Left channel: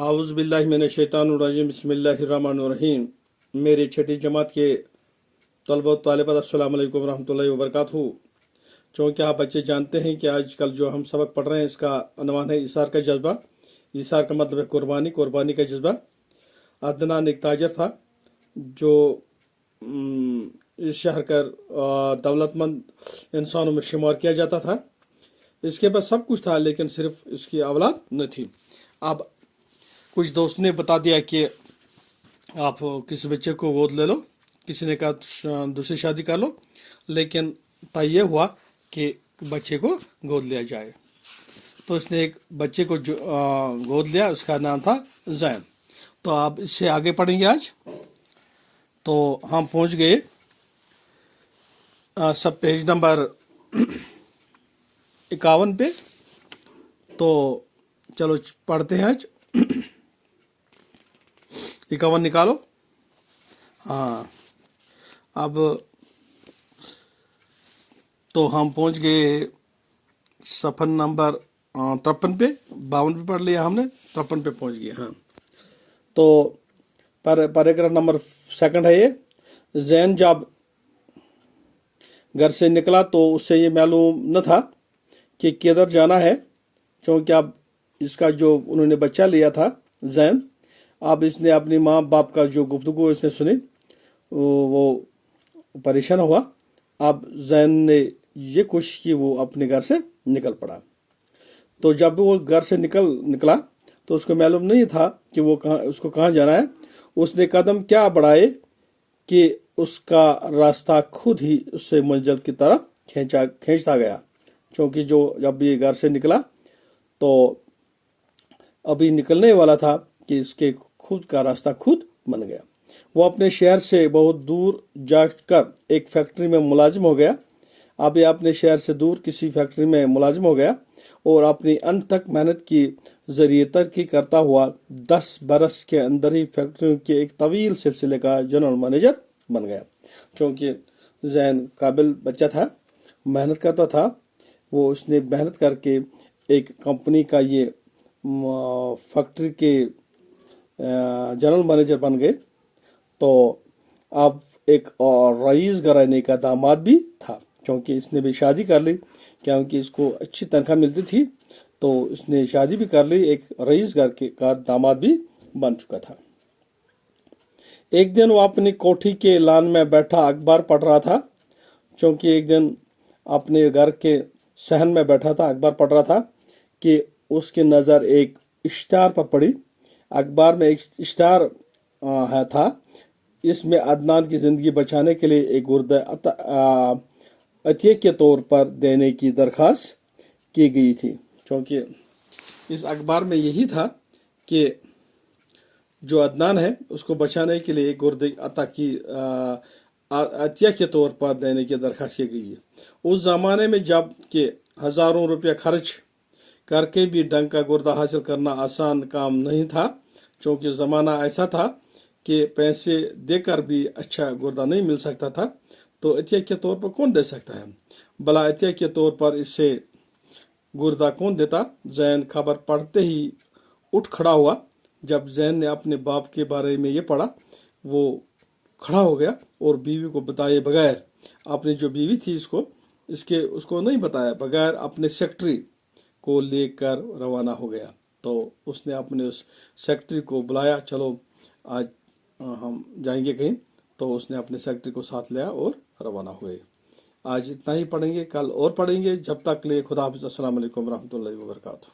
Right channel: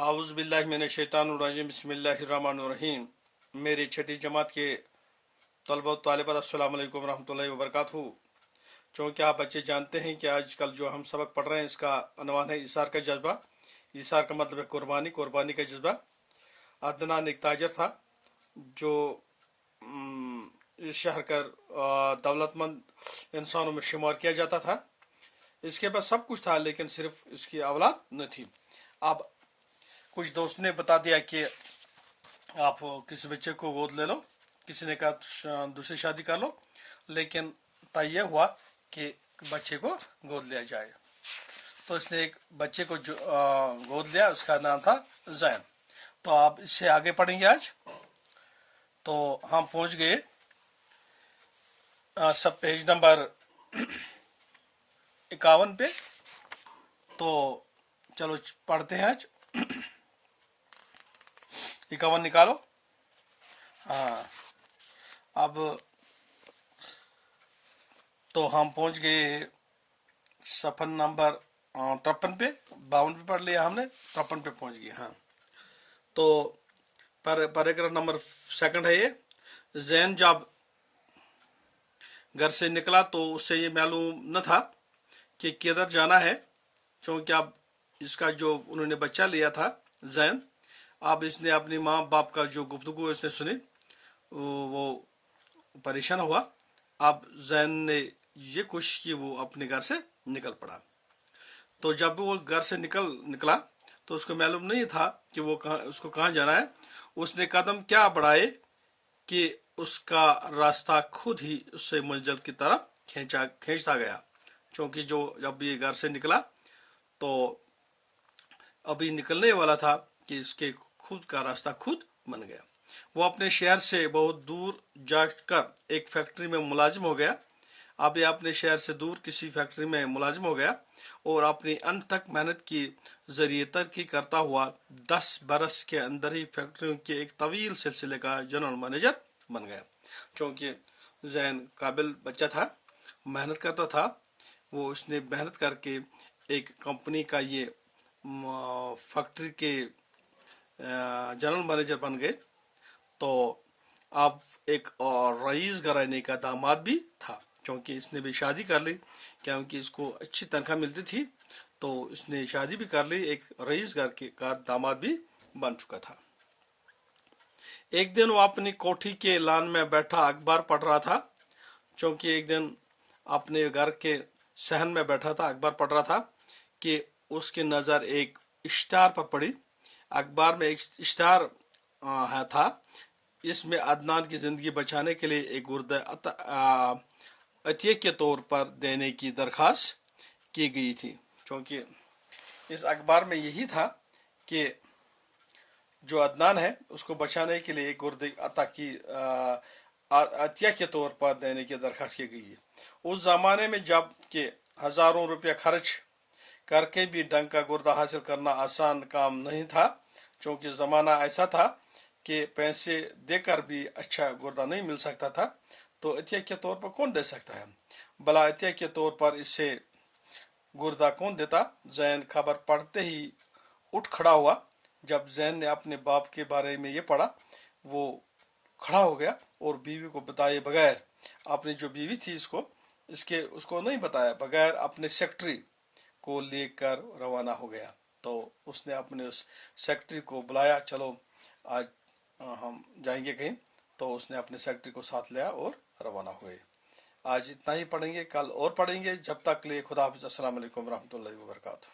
आउज़ बिल्लाहि मिनश्शैतानिर्रजीम बिस्मिल्लाहिर्रहमानिर्रहीम। मेरे छठी जमात के तलबा व तालिबात अस्सलाम वालेकुम रहमतुल्लाहि व बरकातहू। चूँकि आप बच्चे जानते हैं कि आजकल जो हम सबक पढ़ रहे हैं इसका अनवान है इसार का जज्बा। इसार का मतलब है कुर्बानी, कुर्बानी का जज्बा। अदनान एक ताजर था जो इस शहर का दौलतमंद इंसानों में शुमार किया जाता था। इसके पास सब कुछ था लेकिन सिर्फ इसकी औलाद न थी। अब कुछ दोस्त ने बता दिया कि आप किसी बच्चे को गोद ले लो, किसी ने कहा दूसरी शादी कर लो, लेकिन तय ये हुआ कि बच्चे को गोद लिया जाए। तो इसने एक बच्चे को गोद लिया, उसका नाम था जैन। तो आप इससे आगे पढ़ेंगे आज। तो हम पहुंच गए सब पेज नंबर 51 पे। तो चलो पढ़ते हैं आज। 51 निकालो। हाँ, अब तो हम पहुंच गए सफर नंबर 53 पे। 52 पे पढ़ लिया हमने, 53 पे पहुंच गए। हाँ, तो पैराग्राफ नंबर 2 है ये। जैन जब घर से निकला तो उससे ये मालूम न था कि किधर जाना है, क्योंकि अब इसका जो उन्होंने बच्चा लिया था जैन, अब इसने अपनी माँ बाप का जो गुफ्तगू इसने सुनी वो परेशान हुआ। अब जैन ने ये कोशिश की वो अपने घर से निकल पड़ा। तो जब वो घर से निकला तो उसको मालूम नहीं था कि वो उसको कहाँ जाना है। उसने कदम क्या बढ़ाए कि उसका रास्ता खुद ही उससे मंजिल की तरफ खींचता गया। क्योंकि जब ये घर से निकला तो अभी निकलने वाला था कि इसके खुद का रास्ता खुद बन गया। वो अपने शहर से बहुत दूर जाकर एक फैक्ट्री में मुलाजिम हो गया। अब ये अपने शहर से दूर किसी फैक्ट्री में मुलाजिम हो गया और अपनी अंत तक मेहनत की जरिए तरक्की करता हुआ 10 बरस के अंदर ही फैक्ट्री के एक तवील सिलसिले का जनरल मैनेजर बन गया। क्योंकि जैन काबिल बच्चा था, मेहनत करता था। वो उसने मेहनत करके एक कंपनी का ये फैक्ट्री के जनरल मैनेजर बन गए। तो अब एक रईस घराने का दामाद भी था, क्योंकि इसने भी शादी कर ली, क्योंकि इसको अच्छी तनख्वाह मिलती थी। तो इसने शादी भी कर ली, एक रईस घर का दामाद भी बन चुका था। एक दिन वो अपनी कोठी के लान में बैठा अखबार पढ़ रहा था। क्योंकि एक दिन अपने घर के सहन में बैठा था, अखबार पढ़ रहा था कि उसकी नज़र एक इश्तार पर पड़ी। अखबार में एक इश्तार था, इसमें अदनान की जिंदगी बचाने के लिए एक गुर्दा अतिये के तौर पर देने की दरख्वास्त की गई थी। क्योंकि इस अखबार में यही था कि जो अदनान है उसको बचाने के लिए एक गुर्दे अता की अतिया के तौर पर देने की दरख्वास्त की गई है। उस जमाने में जब कि हजारों रुपया खर्च करके भी ढंग का गुर्दा हासिल करना आसान काम नहीं था, क्योंकि ज़माना ऐसा था कि पैसे देकर भी अच्छा गुर्दा नहीं मिल सकता था। तो अतिया के तौर पर कौन दे सकता है, भला अतिया के तौर पर इससे गुर्दा कौन देता। जैन खबर पढ़ते ही उठ खड़ा हुआ। जब जैन ने अपने बाप के बारे में ये पढ़ा, वो खड़ा हो गया और बीवी को बताए बगैर, अपनी जो बीवी थी उसको नहीं बताया बगैर अपने सेक्रेटरी को लेकर रवाना हो गया। तो उसने अपने उस सेक्रेटरी को बुलाया, चलो आज हम जाएंगे कहीं। तो उसने अपने सेक्रेटरी को साथ लिया और रवाना हुए। आज इतना ही पढ़ेंगे, कल और पढ़ेंगे। जब तक के लिए खुदा हाफिज़। अस्सलाम वालेकुम रहमतुल्लाहि व बरकातहू।